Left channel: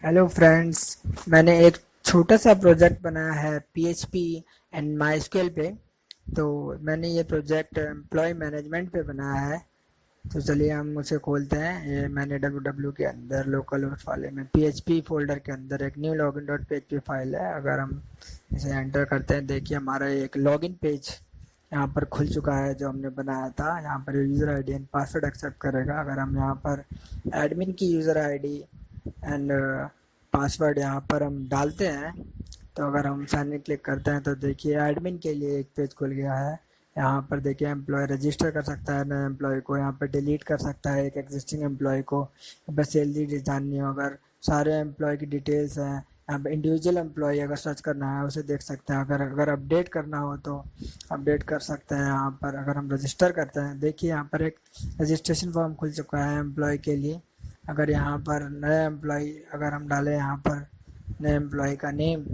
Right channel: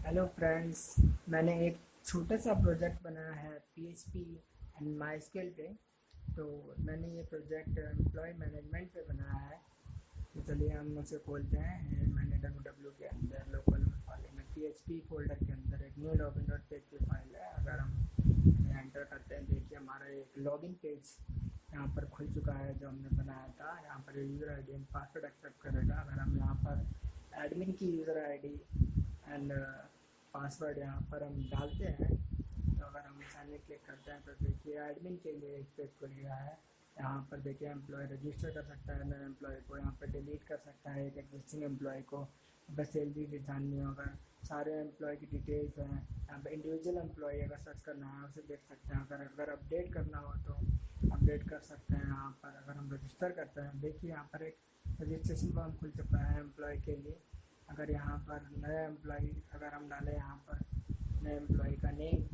Hello friends. मैंने एक छोटा सा प्रोजेक्ट बनाया है पीएचपी एंड माईस्क्यूएल पे। तो मैंने ये प्रोजेक्ट एम्प्लॉय मैनेजमेंट पे बनाया है। तो चलिए हम उसे खोलते हैं। ये मैंने www के अंदर लोकल होस्ट वाले में पीएचपी फोल्डर के अंदर एक new login dot PHP file है। अगर हम इसे एंटर करते हैं, देखिए हमारा एक लॉगिन पेज यहाँ पर खुल चुका है जो हमने बनाया था। यहाँ पर user ID and password accept करेगा। अगर हम यहाँ पर एडमिन की यूज़र आईडी एंड पासवर्ड यहाँ पर हम डालते हैं, तो अगर हम साइन इन क्लिक करते हैं तो देखिए एडमिन के लिए एक पेज खुल गया है। यहाँ पर देखिए एम्प्लॉय रजिस्टर कर सकता है नए एम्प्लॉय को, यहाँ पर डिलीट कर सकता है एक एग्जिस्टिंग एम्प्लॉय को। यहाँ पर सैलरी जाननी हो, अगर सारे एम्प्लॉय की डिटेल्स हैं। यहाँ पर इंडिविजुअल एम्प्लॉय अगर सर्च करना है उसे देख सकते हैं। अगर अगर अपडेट करना हो तो अपडेट कर सकते हैं। यहाँ पर अगर हम रजिस्टर करते हैं, देखिए यहाँ पर एक रजिस्ट्रेशन फॉर्म खुल चुका है एम्प्लॉय के लिए। अगर यहाँ पर नए एम्प्लॉय अगर हम डालें, यहाँ पर नए एम्प्लॉय का नेम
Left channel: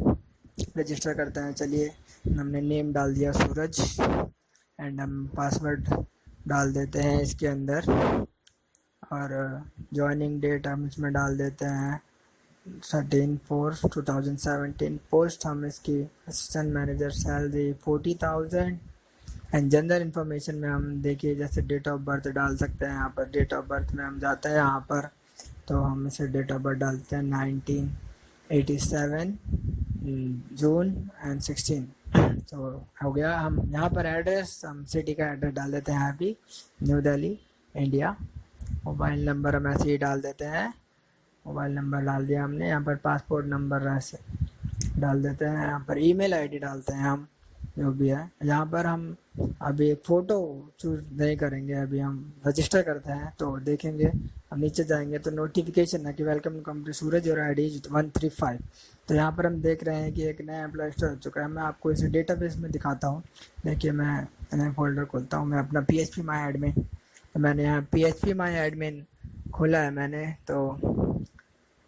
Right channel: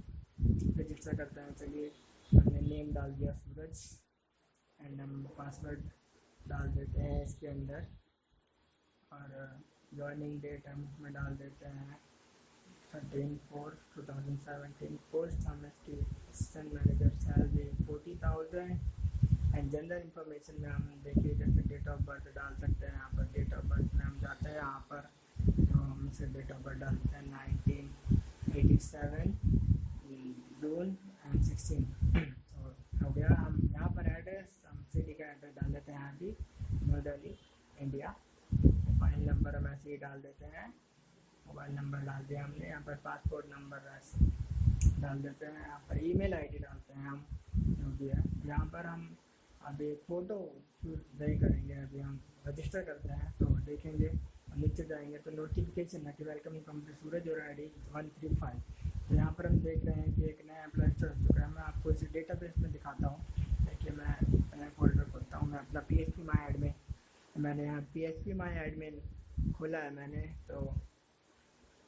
रजिस्टर करते हैं। चलिए हमने नेम डाल दिया सूरज एंड हम पासवर्ड डाल देते हैं इसके अंदर। और ज्वाइनिंग डेट हम इसमें डाल देते हैं 13/4/2017। पोस्ट हम इसकी assistant manager, salary 40,000। And general information में हम देखिए जैसे डेट ऑफ बर्थ डाल सकते हैं। यहाँ पर डेट ऑफ बर्थ में हम जाते हैं यहाँ पर, तो हम इसे डेट ऑफ बर्थ डालते हैं 1987 जून एंड 16। तो हो गया। हम यहाँ पर एड्रेस, हम सिटी का एड्रेस डाल देते हैं अभी, new Delhi India. Mobile number हम ऐसे ही डाल देते हैं। मोबाइल नंबर डाल दिया हमने। यहाँ पर पासपोर्ट नंबर ऐसे डाल देते हैं। यहाँ पर ईमेल आईडी डालते हैं हम, जो भी है। यहाँ पर हम अभी एक फ़ोटो चूज़ नहीं करेंगे, अभी हम रजिस्टर करते हैं। तो देखेंगे हम नीचे जाएंगे तो नोटिफिकेशन है कि वेलकम कंपनी सूरज और आई डी 135। तो यहाँ पर हम देख रहे हैं कि एक नया एम्प्लॉय रजिस्टर हो चुका है। मैं आपको इसे डेटाबेस में दिखाता हूँ। देखिए मैं नया फोल्डर खोलता हूँ, मैं अपना पी एच पी माई एडमिन। तो मैंने यहाँ पी एच पी माई एडमिन खोला है मैंने। तो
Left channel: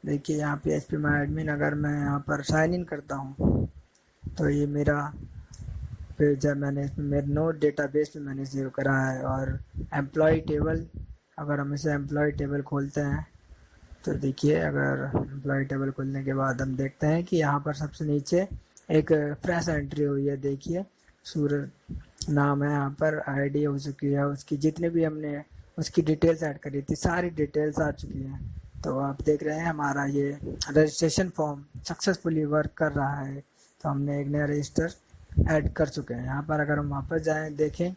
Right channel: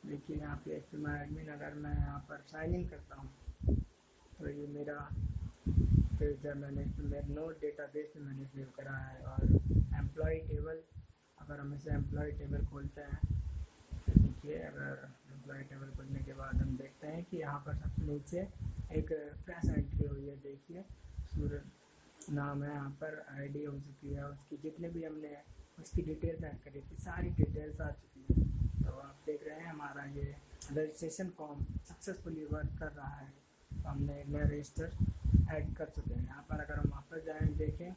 देखिए यहाँ पी एच पी माई एडमिन, अगर मैं यहाँ पर साइन इन करता हूँ तो ये मेरा पेज है। मैंने इसमें मेरे नोट डेटाबेस में मैंने सेव करा है। और एम्प्लॉय टेबल, अगर हम इसे एम्प्लॉय टेबल खोलते हैं तो देखिए, अगर एम्प्लॉय टेबल खोलने के बाद हम देखते हैं कि यहाँ पर सबसे नीचे एक फ्रेश एंट्री हुई है। देखिए सूरज नाम है, यहाँ पर आईडी हो चुकी है उसकी, जितने भी हमने उसकी डिटेल्स ऐड करी थी सारी डिटेल्स आ चुकी हैं। तो आप देख रहे हैं हमारा ये रजिस्ट्रेशन फॉर्म सक्सेसफुली वर्क कर रहा है। तो हमने एक नया रजिस्टर ऐड कर चुके हैं। यहाँ पर अगर हम वापस जाएँ, देखें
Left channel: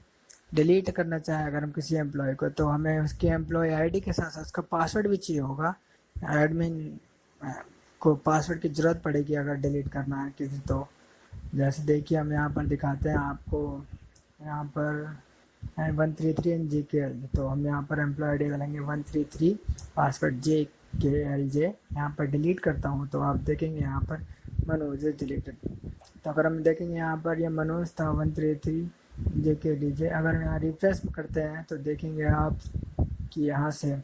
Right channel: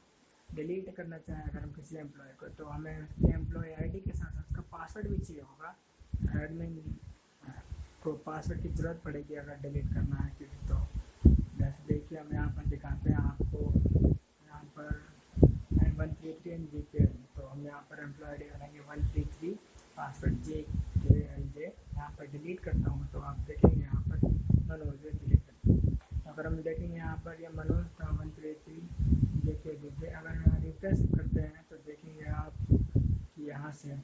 डिलीट करना चाहें अगर हम किसी एम्प्लॉय को, तो हमें उसकी एम्प्लॉय आईडी के साथ साथ उसका पासवर्ड भी चाहिए होगा। एडमिन को पासवर्ड की ज़रूरत पड़ेगी अगर डिलीट करना है किसी। तो जैसे देखिए हम यहाँ पर दिखाते हैं आपको, यहाँ पर 133 एन जी के एल। तो हम यहाँ पर एम्प्लॉय आई डी डालेंगे 133, पासवर्ड JKLJ। यहाँ पर डिलीट करता हूँ तो आप देखेंगे यहाँ पर मनोज डिलीटेड। तो अगर हम देखेंगे यहाँ पर ये मनोज था 133 JKDJ। अगर यहाँ रिफ्रेश करते हैं तो देखेंगे आप कि यहाँ से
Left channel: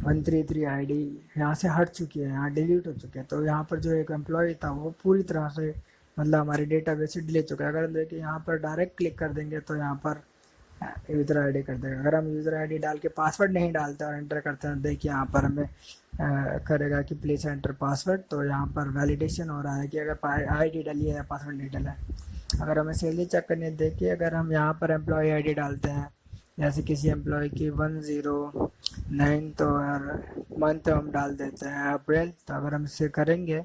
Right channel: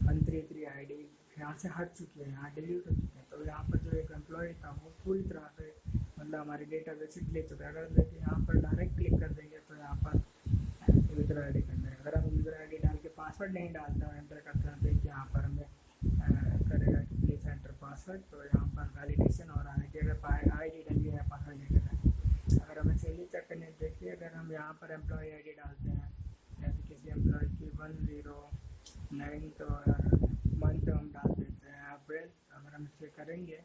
133 आईडी यहाँ से हट चुकी है, यहाँ डिलीट हो चुके हैं। तो यहाँ पर जो एक एम्प्लॉय था वो पूरी तरह से मतलब हमारे डेटाबेस से डिलीट चुका है। अगर देखिए यहाँ पर डायरेक्ट क्लिक कर देंगे तो यहाँ पर यूज़र आईडी कर देगा। अगर हम यूज़र आईडी डाल के पासवर्ड नहीं डालते और एंटर करते हैं, देखिए यहाँ पर हमें करेगा कि प्लीज़ एंटर पासवर्ड। तो यहाँ पर वैलिडेशन हो रहा है कि अगर आईडी डाली है या पासवर्ड नहीं डाला है। अगर हमें सैलरी चेक करनी है, देखिए अगर हम यहाँ पर एम्प्लॉय आईडी डालते हैं, जैसे किसी एम्प्लॉय की 109, तो मंथ हम डाल देते हैं अप्रैल। तो अगर हम इसे करेंगे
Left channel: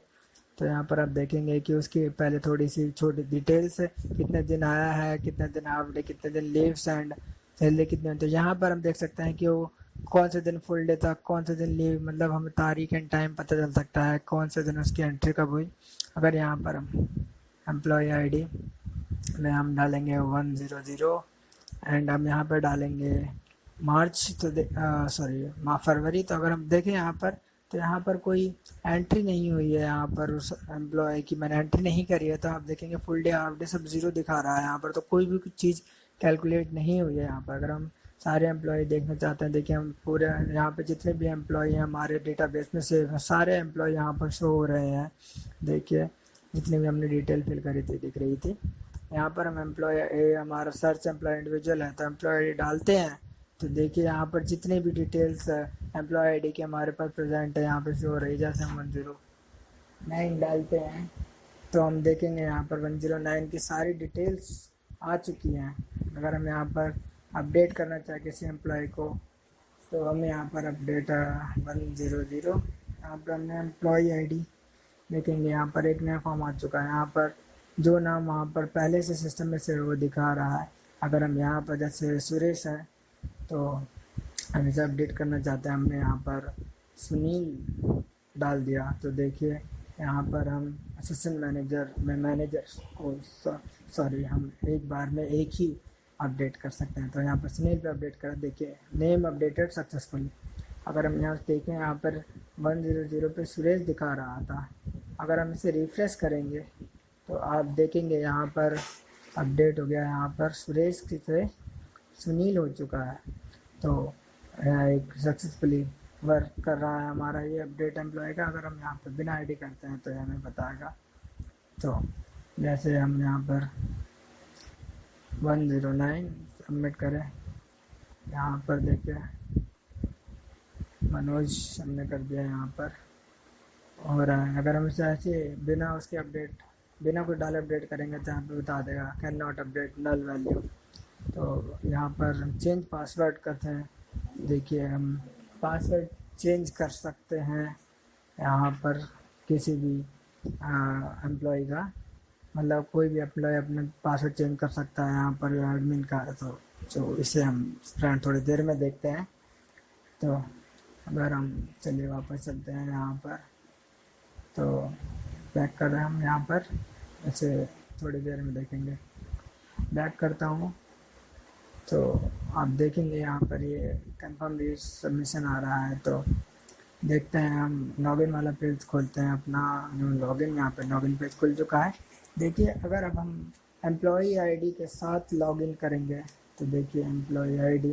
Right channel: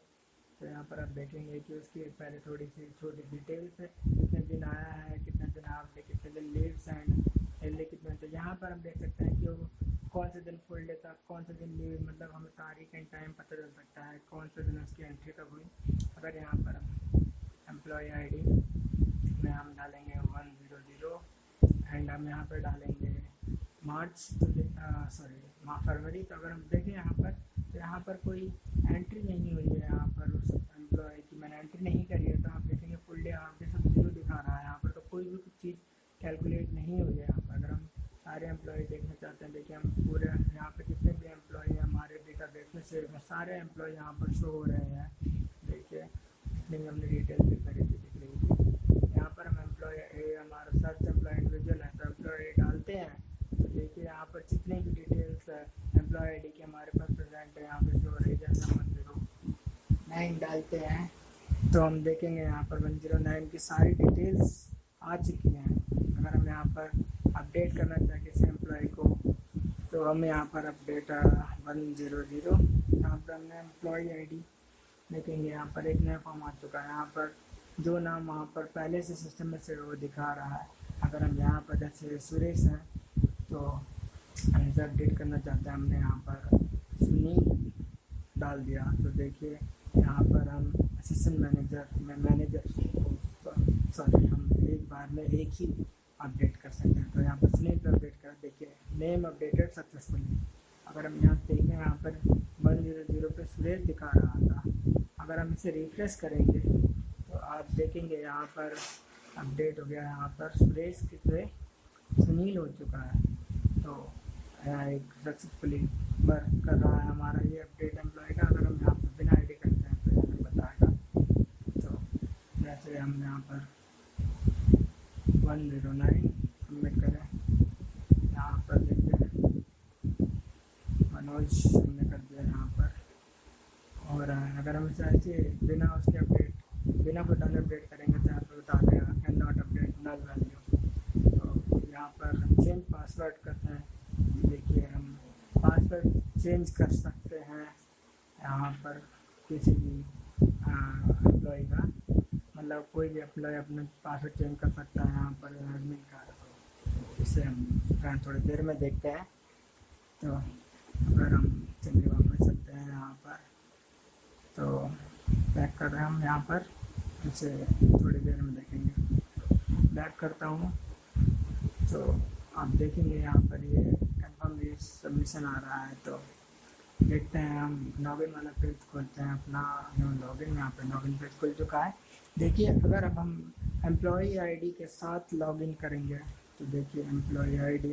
तो यहाँ पर आप देखेंगे कि उसकी पहले थोड़ी सी छोटी डिटेल्स है, कितने दिन आया है, कितने दिन हाफ डे, कितने दिन लीव्स एंड सैलरी कितने। तो यहाँ पर हम देख सकते हैं कि वो कौन से दिन फुल डे था, कौन से दिन लीव, मतलब हमें तारीख एंड टाइम पता चल सकता है कौन से दिन उसकी एंट्री कब हुई। अगर यहाँ पर हम एम्प्लॉय आईडी में हम डालेंगे 100 एंड हम यहाँ पर डालेंगे मार्च, तो सॉरी फरवरी। तो अगर हम देखें यहाँ पर, तो यहाँ पर कोई एंट्री नहीं हुई है यहाँ पर उस एम्प्लॉय की, मैंने एंट्री नहीं करी है। तो आप देखेंगे फुल डे हाफ डे सब ज़ीरो दिखा रहा है यहाँ पर। तो कोई भी कुछ चीज़ कैलकुलेट नहीं हुई है यहाँ पर। अगर हम सारे एम्प्लॉय देखना चाहते हैं, देखिए हम पूरे यहाँ पे जितने भी एम्प्लॉय हैं हमारे डेटाबेस में से सारे एम्प्लॉय यहाँ पर शो हो रहे हैं। देखिए जितनी भी हमने डिटेल फिल करी थी दिख रही थी। यहाँ पर हम एम्प्लॉय हमारा सर्च एम्प्लॉय इंडिविजुअल है तो एम्प्लॉय डालते हैं तो देखिए यहाँ पर जितने भी डिटेल्स एम्प्लॉय आईडी के हमारे पास प्रेजेंट है यहाँ पर शो हो रही है। जैसे हम 109 डालते हैं तो हम देखेंगे यहाँ पर 109 की सारी डिटेल्स आ चुकी हैं। अगर हम यहाँ पर अपडेट करना चाहें किसी एम्प्लॉय को तो हम यहाँ पर अपडेट 100 यहाँ पर हमने एम्प्लॉय आईडी देखेंगे। यहाँ पर एक नया फॉर्म आ चुका है। यहाँ पर जो नाम वहाँ पर पहले से सिस्टम में से वो दिखा रहा है। अगर हम यहाँ पर जैसे सुरेश है तो हम इसे अपडेट करना चाहते हैं, हमने यहाँ पर सुनील डाल दिया तो देखिए यहाँ पर हम असिस्टेंट मैनेजर में सॉरी हम एक बार में एक ही अपडेट कर सकते हैं। तो यहाँ पर सुनील पे अपडेट करा, देखिए नेम अपडेटेड सक्सेसफुली। अगर हम यहाँ से देखें यहाँ पर 100 पे सुरेश दिखा रहा था। अगर हम इसे रिफ्रेश करेंगे तो आप देखेंगे यहाँ पर अपडेट हो गया, यहाँ पर सुरेश से सुनील हो चुका है। तो यहाँ एक सक्सेसफुली वर्क कर रहा है हमारा ये अपडेट एम्प्लॉय का। अगर हम यहाँ पर बिना आईडी करते हैं तो हमें बताएगा। तो जैसे हम यहाँ पर 109 सबमिट करें, यहाँ पर देखिए मनोज हमने कर दिया यहाँ पर हो रहा है। अगर हम इसे ऐसे बिना उसके अपडेट बिना कुछ डाले अपडेट करेंगे तो यहाँ पर बता देगा can not update null value. तो यहाँ पर हम चेंज पासवर्ड करते हैं, देखिए हम पासवर्ड चेंज कर सकते हैं यहाँ पर किसी भी एम्प्लॉय का, मतलब कोई भी एम्प्लॉय अपने पासवर्ड चेंज कर सकता है यहाँ पर एडमिन का। तो इसे हम फ्रेंड थोड़ी देर में देखते हैं। तो अगर हम चलिए वापस चलते हैं यहाँ पर, तो बैक कर रहे हैं हम यहाँ पर, इसे थोड़ी देर में देखेंगे। बैक करता हूँ तो आप देखेंगे यहाँ पर ये कंफर्म सबमिशन आ रहा है। तो देखते हैं, हम लॉगिन वाला पेज खोलते हैं अपना लॉगिन। यहाँ पर लॉगिन पेज खुल चुका है। देखिए अगर अब हम एम्प्लॉई आईडी के साथ लॉगिन करेंगे तो देखिए एम्प्लॉई आईडी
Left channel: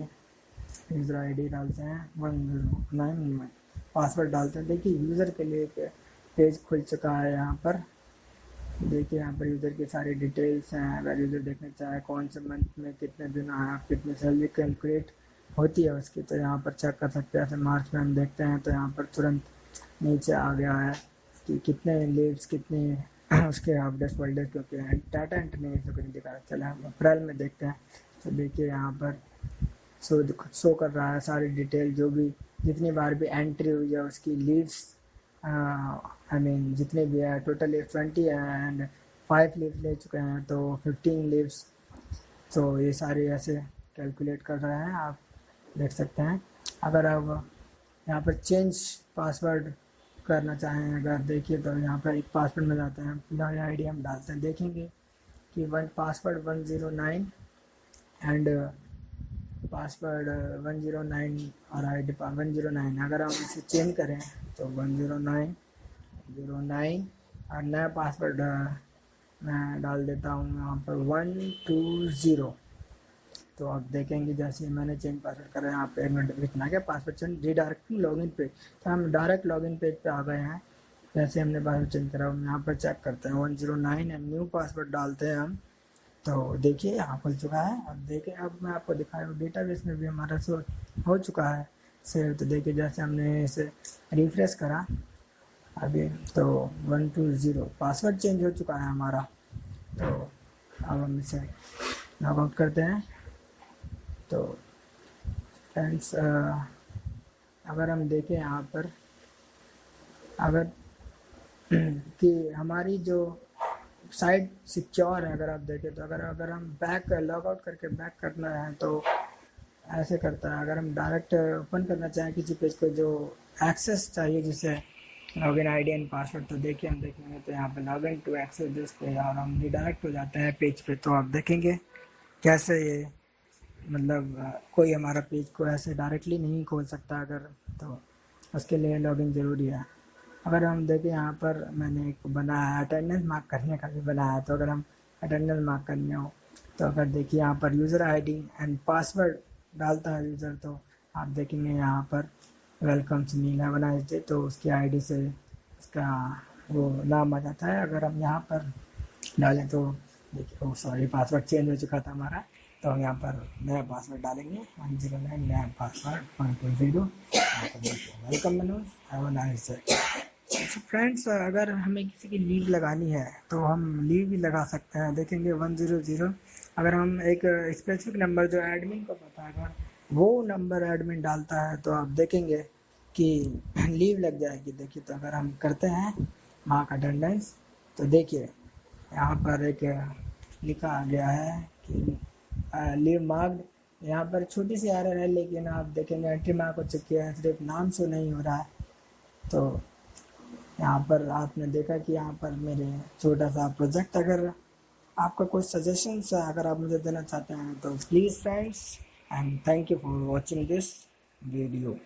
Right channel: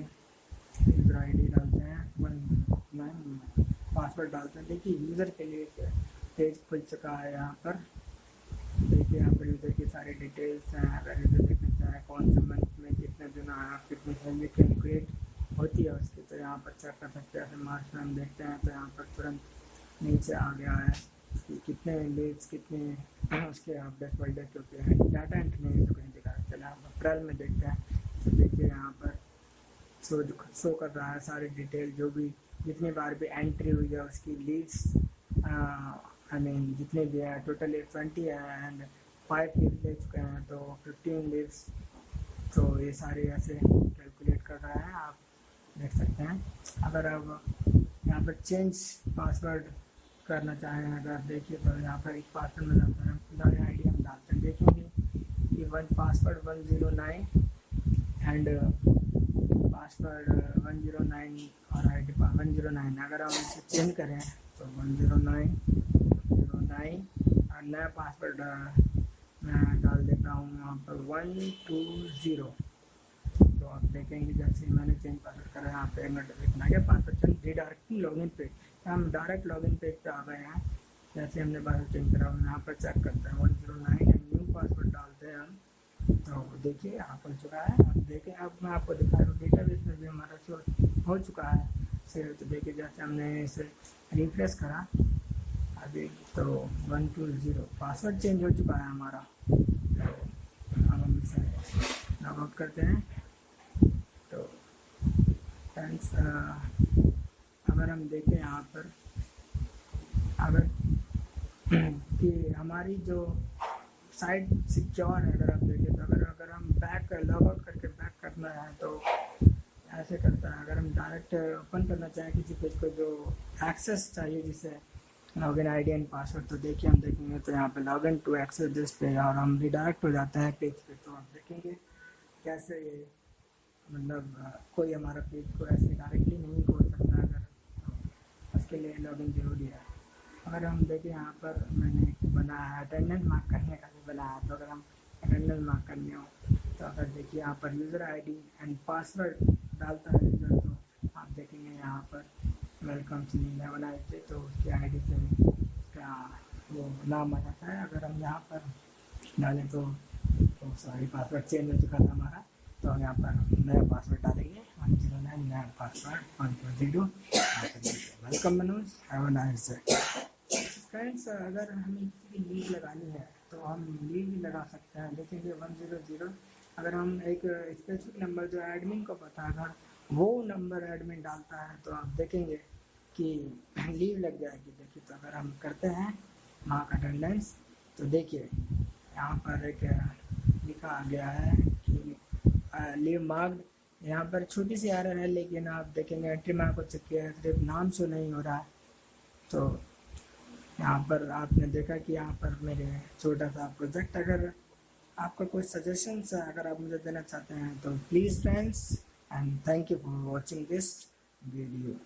यूज़र आईडी डालते हैं 109 पासवर्ड डालते हैं। देखिए यूज़र के लिए एक पेज खुल चुका है यहाँ पर। देखिए यहाँ पर यूज़र की सारी डिटेल्स हैं। अगर यूज़र देखना चाहे कौन से मंथ में कितने दिन आया, कितनी सैलरी कैलकुलेट होती है उसकी, तो यहाँ पर चेक कर सकते हैं। ऐसे मार्च में हम देखते हैं तो यहाँ पर तुरंत नीचे आ गया है कि कितने लीव्स कितनी उसके हाफ डेज फुल डेज क्योंकि डाटा एंट्री नहीं तो कुछ दिखा रहा। चले हम अप्रैल में देखते हैं तो देखिए यहाँ पर शो कर रहा है सारी डिटेल, जो भी जितनी बार भी एंट्री हुई है उसकी लीव्स, आई मीन जितने भी है टोटल 20 है एंड 5 लीव्स ले चुके हैं तो 15 लीव्स। तो ये सारे ऐसे कैलकुलेट कर रहे हैं, आप देख सकते हैं। अगर आप यहाँ पर चेंज पासवर्ड करना चाहें अगर देखिए तो यहाँ पर एक पासवर्ड में जाते हैं, एम्प्लॉय आईडी हम डालते हैं, देखेंगे कि पासवर्ड 109 एंड पासवर्ड 109 और आईडी 109। अगर हम इसे चेंज करें तो 109 और नया पासवर्ड मैं डाल देता हूँ यहाँ पर 120। तो आप देखेंगे जैसे मैंने चेंज पासवर्ड करा यहाँ पे नोटिफिकेशन आ गया password change redirecting login page. तो हम डायरेक्ट लॉगिन पेज पे आ गए हैं। जैसे हमने पासवर्ड चेंज करा हम यहाँ पर चेक करते हैं 109 एंड न्यू पासवर्ड डालते हैं हम। तो देखिए यहाँ खुल चुका है। अब देखें, अब मैं आपको दिखा रहा हूँ डेटाबेस में भी हमारा शो हो चुका है सेव। तो देखिए जैसे हमने इसे रिफ्रेश करा अभी तो 120 पासवर्ड चेंज हो चुका है हमारा। तो अब हम इसे लॉग आउट करते हैं। तो फ्रेंड्स अगर हम देखें यहाँ पर अगर कि हमारी जो साइट सिक्योर है, अगर आप देखें तो अगर हम बैक लॉग आउट करके बैक करना है तो ऐसे करता है। अगर हम डायरेक्ट ओपन करना चाहें किसी पेज को जो एक्सेस चाहिए जिसे लॉगिन आईडी एंड पासवर्ड, तो देखिए हम देखेंगे तो यहाँ पे login to access this page और हम रिडायरेक्ट हो जाते हैं पेज पे। तो आप देखेंगे कैसे ये मतलब कोई हमारा पेज को ऐसे डायरेक्टली नहीं खोल सकता अगर, तो उसके लिए लॉगिन ज़रूरी है। अगर हम देखें यहाँ पर मैंने एक बनाया अटेंडेंस मार्क करने का भी बनाया। तो अगर हम अटेंडेंस मार्क करने हो तो अगर देखिए यहाँ पर यूज़र आईडी एंड पासवर्ड डालता है यूज़र, तो आप देखेंगे यहाँ पर वेलकम सुनील है बनाए थे तो उसकी आईडी से उसका वो नाम आ जाता है। अगर हम यहाँ पर डालें तो देखिए सॉरी पासवर्ड चेंज हो चुका था हमारा। तो तो हम यहाँ पर नया पासवर्ड डालेंगे 109 नया पासवर्ड 120। यहाँ पर देखिए welcome Manoj, have a nice day. तो फ्रेंड्स अगर हमें किसी की लीव लगानी है तो हम लीव भी लगा सकते हैं। देखेंगे 100, अगर हम एक स्पेसिफिक नंबर जो एडमिन को पता, अगर वो नंबर एडमिन डालता है तो आप देखेंगे कि लीव लग जाएगी। देखिए तो अगर हम करते हैं मार्क अटेंडेंस तो देखिए यहाँ पर एक लिखा आ गया है कि लीव मार्क्ड। यहाँ पर छोटी सी एरर है, लेकिन आप देखेंगे एंट्री मार्क हो चुकी है, सिर्फ नाम शो नहीं हो रहा है। तो यहाँ पर आपने देखा कि यहाँ पर मेरे छोटा सा प्रोजेक्ट, अगर आपका कोई सजेशंस अगर आप मुझे देना चाहते हैं तो please friends, and thank you for watching this video.